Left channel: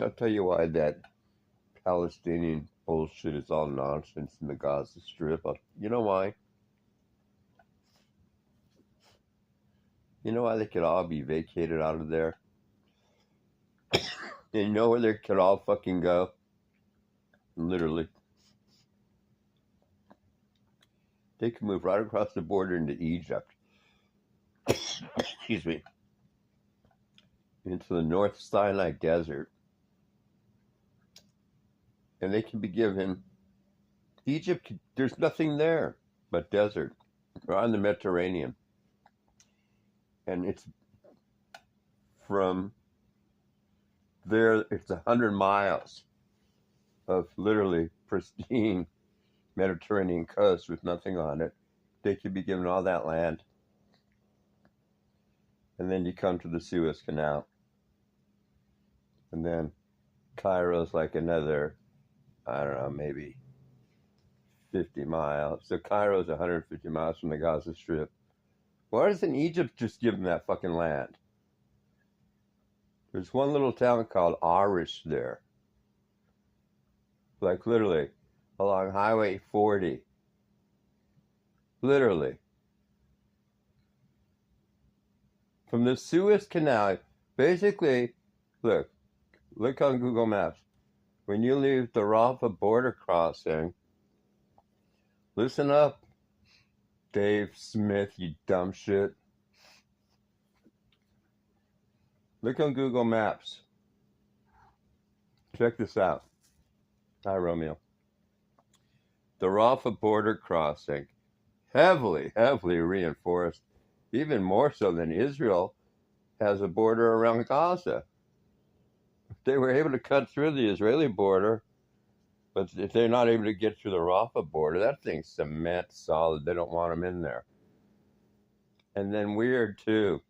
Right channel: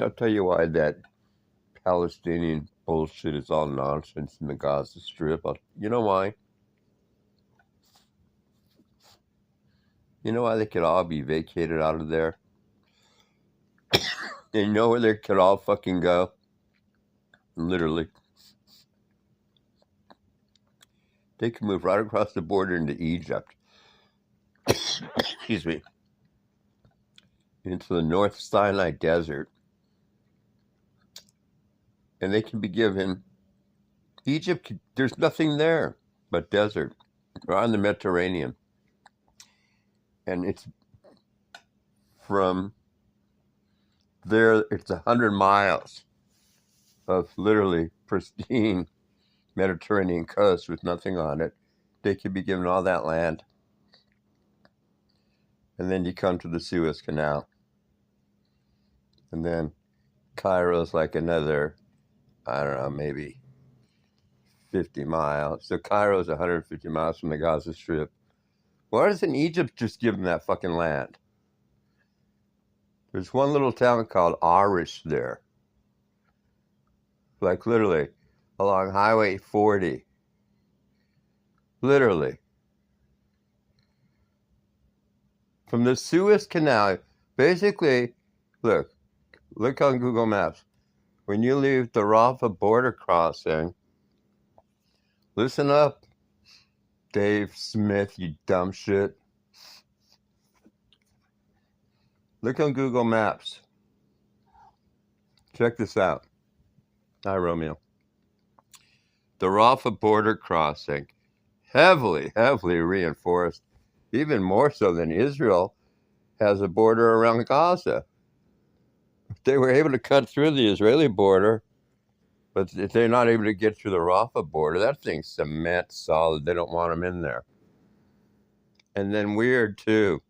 I'll tell you why that Palestinian bullshit is all nonsense in the Gaza Strip. You know why? You know why they could all be vacated out of there? And you know where they could all fucking go? Literally. They could move right across the border into Egypt. Excuse me. Into the North Sinai Desert. And they can be given Egypt. There's nothing there but desert. We're on the Mediterranean. And it's from there, it's 100 miles of literally pristine Mediterranean coast with nothing on it. They could be given all that land. And then you come to the Suez Canal. And then Cairo's like another, I don't know, maybe 50 miles. So Cairo's 150 miles from the Gaza Strip. Why doesn't Egypt just give them that fucking land? There's one little town called Arish there. Like literally along Highway 40. Literally. From the Suez Canal, basically, look on Google Maps. When you leave the Rafah border crossing, listen up, Dave Smith, you dumb shit. Look on Google Maps. Check this out. Hi, Romeo. The Rafah border crossing, heavily reinforced, even more so than Israel has a border around Gaza. They were able to cut through the Israeli border, but if they're not able to get through the Rafah border, that thing's cement solid. They don't want them in there. And then weird, too.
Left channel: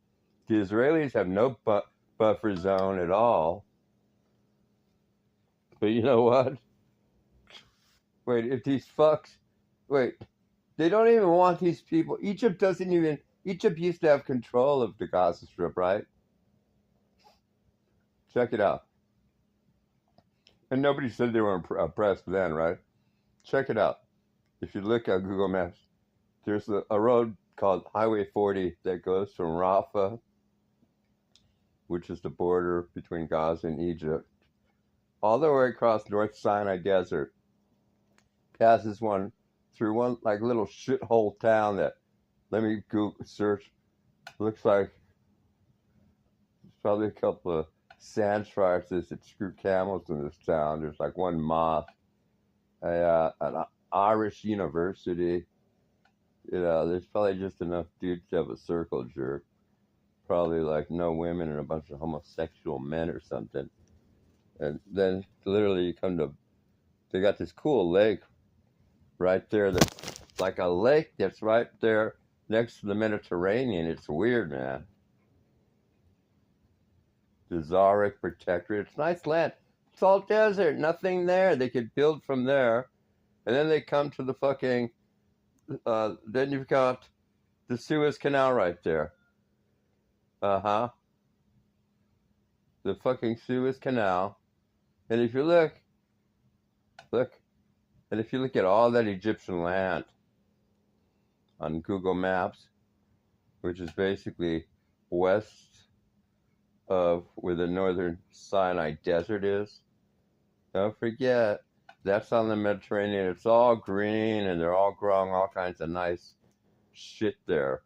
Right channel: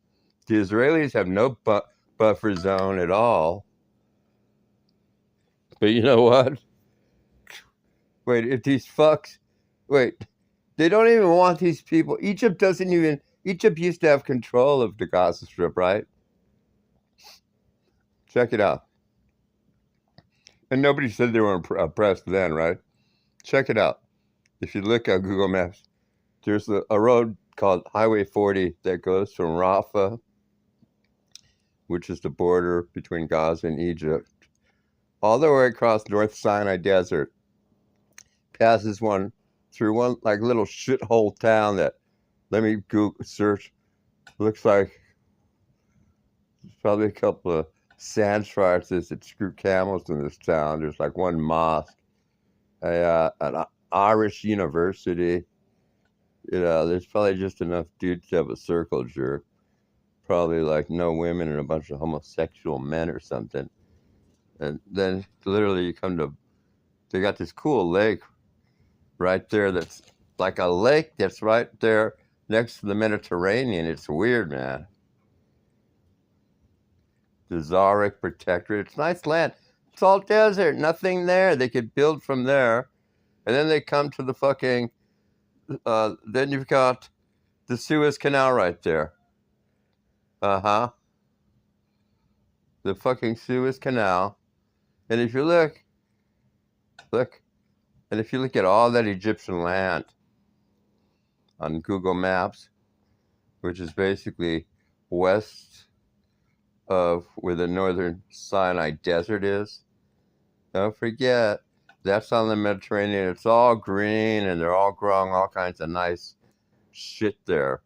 The Israelis have no buffer zone at all. But you know what? Wait, if these fucks... Wait, they don't even want these people... Egypt used to have control of the Gaza Strip, right? Check it out. And nobody said they were oppressed then, right? Check it out. If you look at Google Maps, there's a road called Highway 40 that goes from Rafah, which is the border between Gaza and Egypt, all the way across North Sinai Desert, passes through one like little shithole town that, let me Google search, looks like probably a couple of sand tribes that screw camels in this town. There's like one mosque, an Irish university. You know, there's probably just enough dudes to have a circle jerk. Probably like no women and a bunch of homosexual men or something. And then literally you come to, they got this cool lake right there that's like a lake that's right there next to the Mediterranean. It's weird, man. The Zaric Protectorate. It's nice land. It's all desert, nothing there. They could build from there. And then they come to the fucking, then you've got the Suez Canal right there. Uh-huh. The fucking Suez Canal. And if you look, and if you look at all that Egyptian land on Google Maps, which is basically west of where the northern Sinai Desert is, don't forget, that's on the Mediterranean. It's all green, and they're all growing all kinds of nice shit there.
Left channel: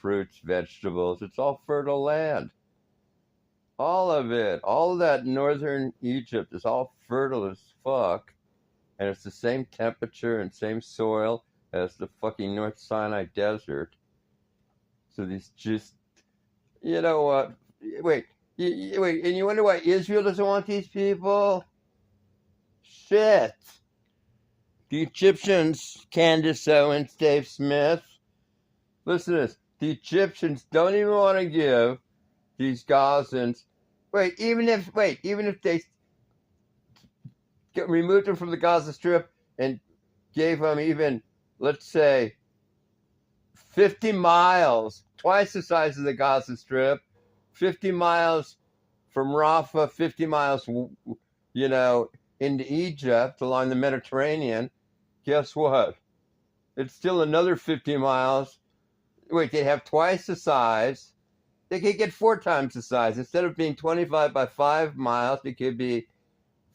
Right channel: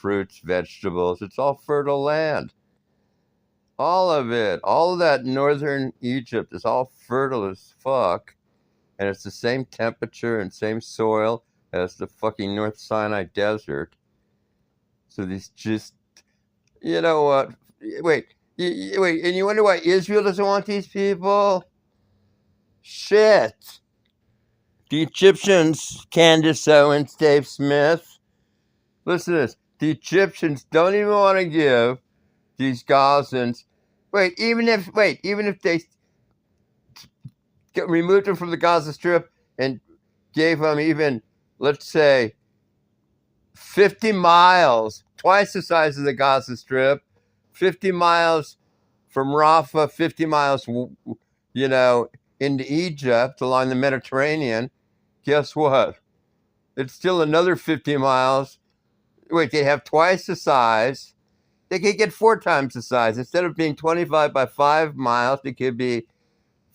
Fruits, vegetables. It's all fertile land. All of it. All of that northern Egypt is all fertile as fuck. And it's the same temperature and same soil as the fucking North Sinai Desert. So these just... You know what? Wait, and you wonder why Israel doesn't want these people? Shit. The Egyptians, Candace Owens, Dave Smith, listen to this. The Egyptians don't even want to give these Gazans, even if they removed them from the Gaza Strip and gave them even, let's say, 50 miles, twice the size of the Gaza Strip, 50 miles from Rafah, 50 miles, you know, into Egypt along the Mediterranean, guess what? It's still another 50 miles. Wait, they have twice the size. They could get 4 times the size. Instead of being 25 by 5 miles, it could be,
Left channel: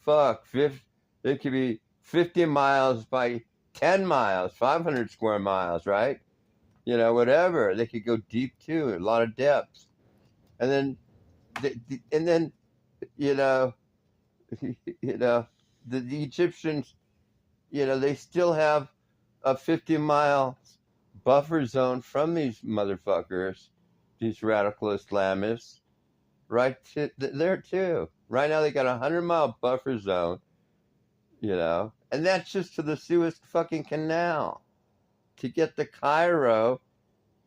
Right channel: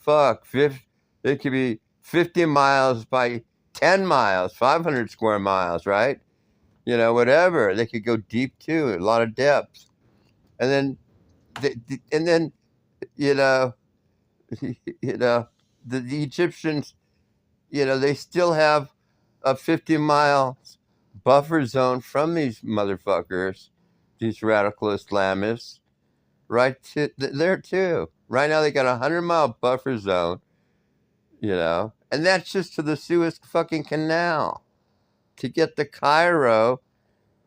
it could be 50 miles by 10 miles, 500 square miles, right? You know, whatever. They could go deep too, a lot of depth. And then, you know, the Egyptians, you know, they still have a 50-mile buffer zone from these motherfuckers, these radical Islamists, right there too. Right now they got a 100-mile buffer zone, you know, and that's just to the Suez fucking Canal. To get to Cairo,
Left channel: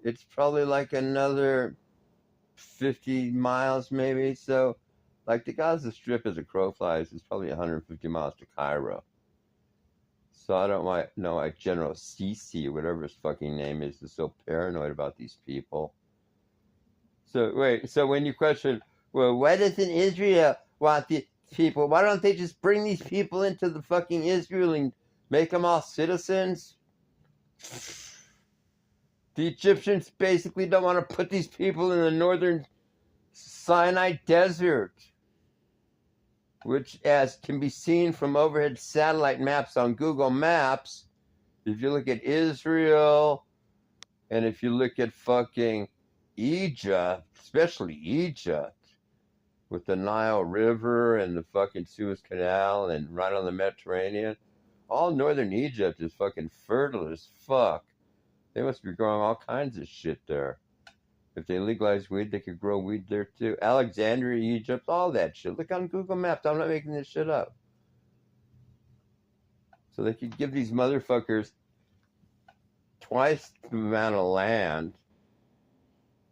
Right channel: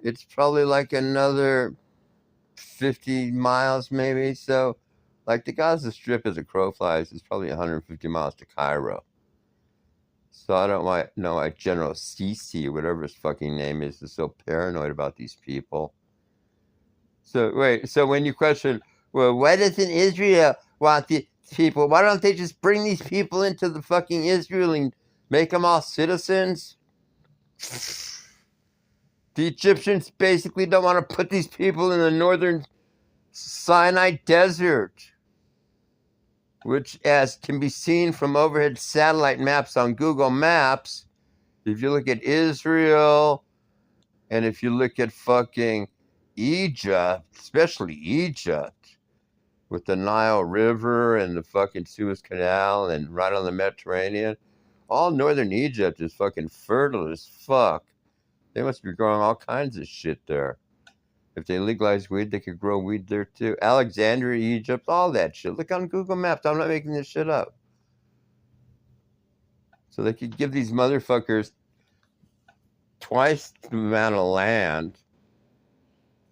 it's probably like another 50 miles maybe. So, like the Gaza Strip as a crow flies is probably 150 miles to Cairo. So I don't know why General Sisi, whatever his fucking name is so paranoid about these people. So wait, so when you question, well, why doesn't Israel want the people? Why don't they just bring these people into the fucking Israel and make them all citizens? The Egyptians basically don't want to put these people in the northern Sinai desert, which, as can be seen from overhead satellite maps on Google Maps, if you look at Israel and if you look at fucking Egypt, especially Egypt, with the Nile River and the fucking Suez Canal and right on the Mediterranean, all northern Egypt is fucking fertile as fuck. They must be growing all kinds of shit there. If they legalize weed, they could grow weed there too. Alexandria, Egypt, all that shit. Look on Google Maps. I'm not making this shit up. So they could give these motherfuckers twice the amount of land,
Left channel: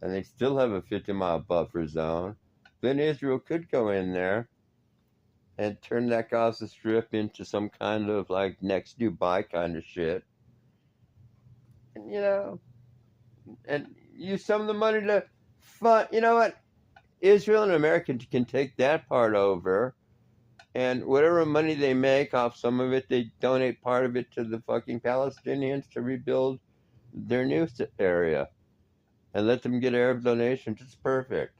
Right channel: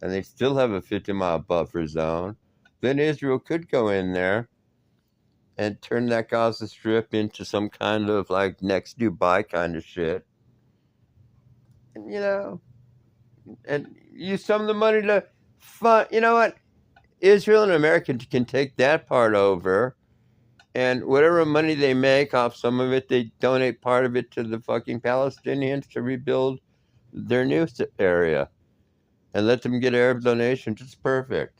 and they still have a 50-mile buffer zone. Then Israel could go in there and turn that Gaza Strip into some kind of like next Dubai kind of shit. And, you know, and use some of the money to fund. You know what? Israel and America can take that part over, and whatever money they make off some of it, they donate part of it to the fucking Palestinians to rebuild their new area, and let them get Arab donations. It's perfect.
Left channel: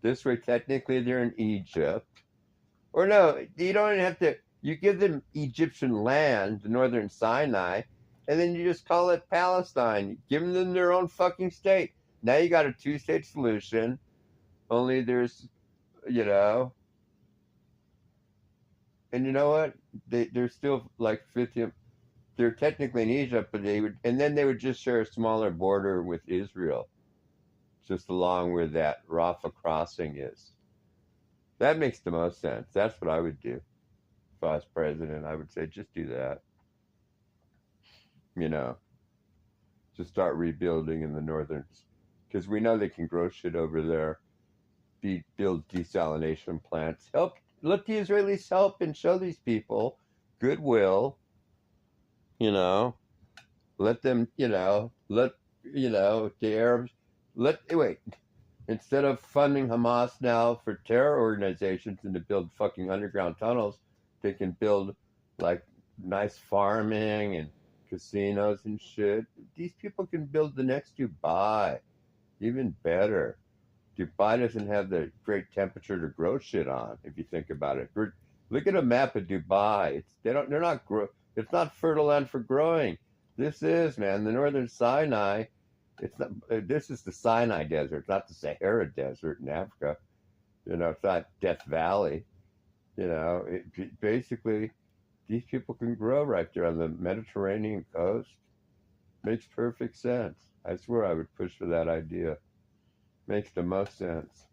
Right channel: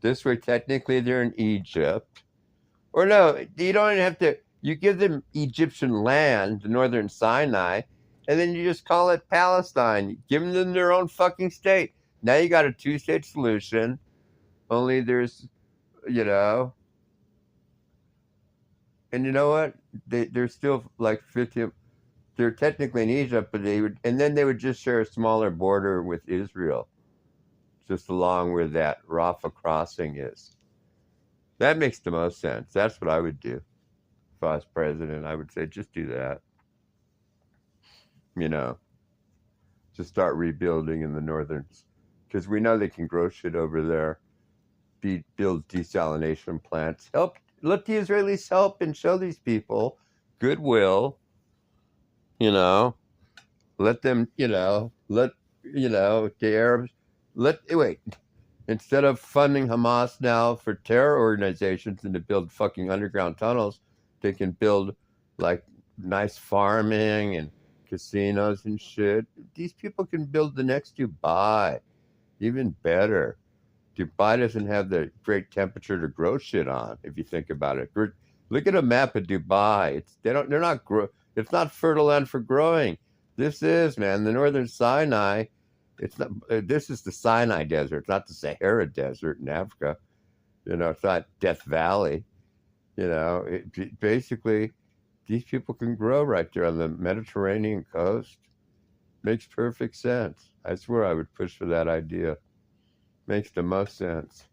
This way, technically, they're in Egypt. Or no, you don't even have to. You give them Egyptian land, the northern Sinai, and then you just call it Palestine. Give them their own fucking state. Now you got a 2-state solution. Only there's, you know, and you know what? They're still like 50. They're technically in Egypt, but then they would just share a smaller border with Israel, just along where that Rafah crossing is. That makes the most sense. That's what I would do if I was president. I would say just do that. You know, just start rebuilding in the northern, because we know they can grow shit over there. Build desalination plants. Let the Israelis help and show these people goodwill. You know, let them. The Arabs. Instead of funding Hamas now for terror organizations and to build fucking underground tunnels, they can build like nice farming and casinos and shit. These people can build the next Dubai, even better. Dubai doesn't have the great temperature to grow shit on. If you think about it, look at a map of Dubai. It's not fertile land for growing. This is, man, the northern Sinai. It's not. This is the Sinai Desert. It's not the Sahara Desert in Africa. You know, it's not Death Valley. You know, basically, these people can grow right there on the Mediterranean coast. Makes perfect sense. I swear I would push for that idea. Makes the most sense.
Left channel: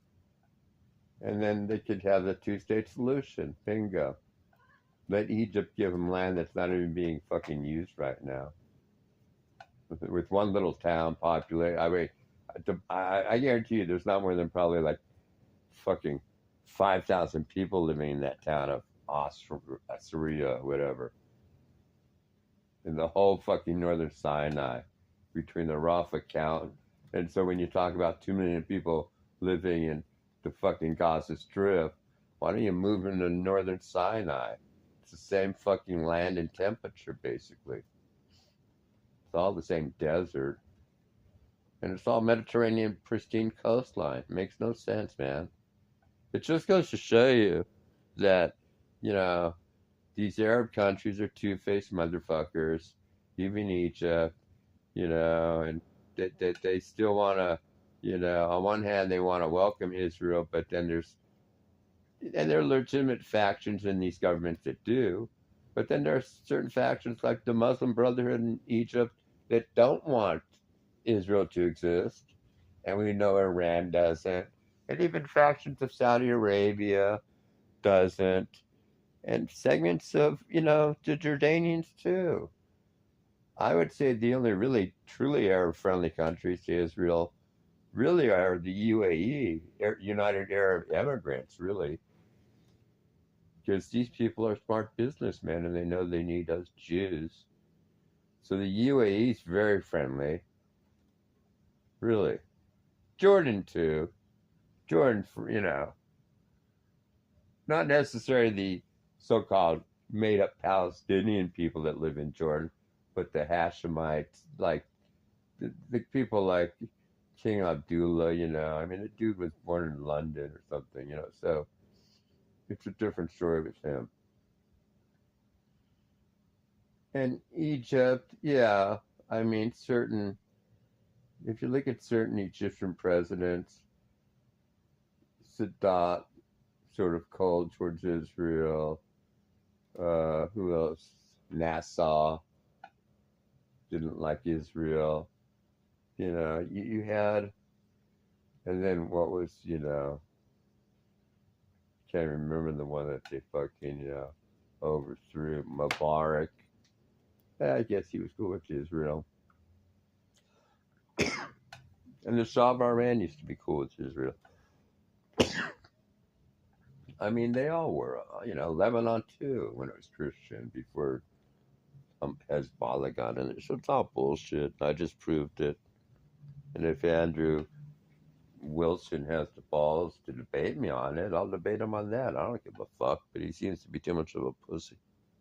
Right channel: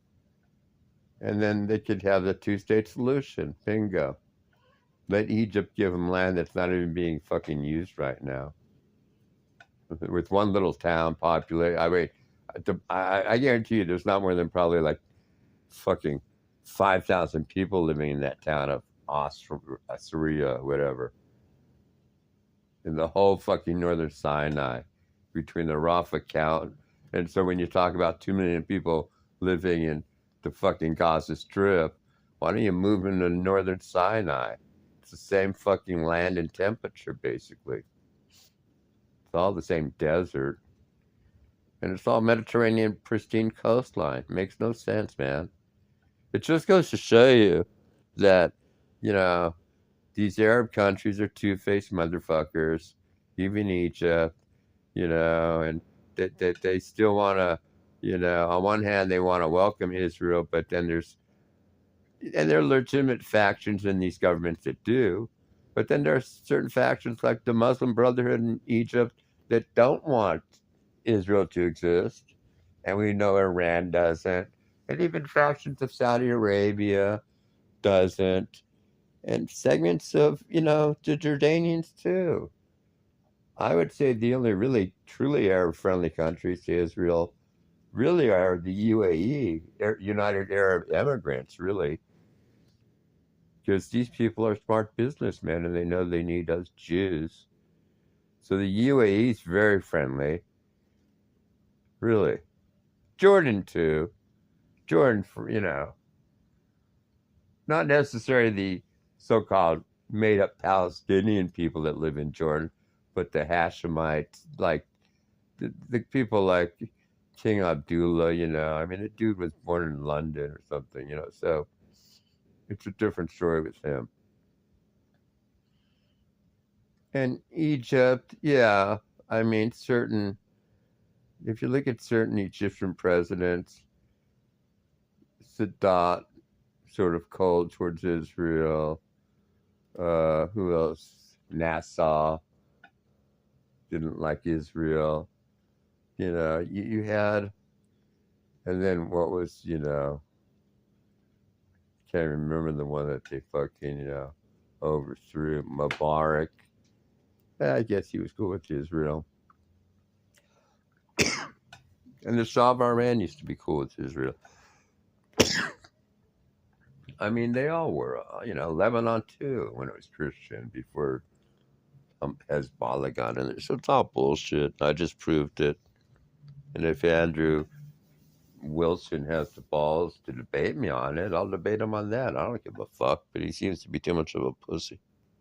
And then they could have the 2-state solution. Bingo. Let Egypt give them land that's not even being fucking used right now. With one little town populated, I guarantee you there's not more than probably like fucking 5,000 people living in that town of Syria, whatever. In the whole fucking northern Sinai, between the Rafah count. And so when you talk about 2 million people living in to fucking Gaza Strip. Why don't you move into northern Sinai? It's the same fucking land and temperature, basically. It's all the same desert. And it's all Mediterranean pristine coastline. Makes no sense, man. It just goes to show you that, you know, these Arab countries are two-faced motherfuckers, even Egypt, and they still want to, on one hand, they want to welcome Israel, but then there are legitimate factions in these governments that do, but then there are certain factions like the Muslim Brotherhood in Egypt that don't want Israel to exist, and we know Iran doesn't, and even factions of Saudi Arabia doesn't, and segments of, the Jordanians too. I would say the only really truly Arab-friendly countries to Israel really are the UAE, United Arab Emirates, really, because these people are smart businessmen and they know they need us Jews. So the UAE is very friendly, really. Jordan too. Jordan, not necessarily the so-called made-up Palestinian people that live in Jordan, but the Hashemites, like the people like King Abdullah, I mean, the dude was born in London or something, so it's a different story with him. And Egypt, yeah, I mean, if you look at certain Egyptian presidents, Sadat, sort of cold towards Israel. Who else? Nassau didn't like Israel. You had, and then what was, can't remember the one that they fucking, overthrew. Mubarak. I guess he was cool with Israel. And the Shah of Iran used to be cool with Israel. I mean, they all were, Lebanon too, when it was Christian, before Hezbollah got in there. So it's all bullshit. I just proved it. And if Andrew Wilson has the balls to debate me on it, I'll debate him on that. I don't give a fuck, but he seems to be too much of a pussy.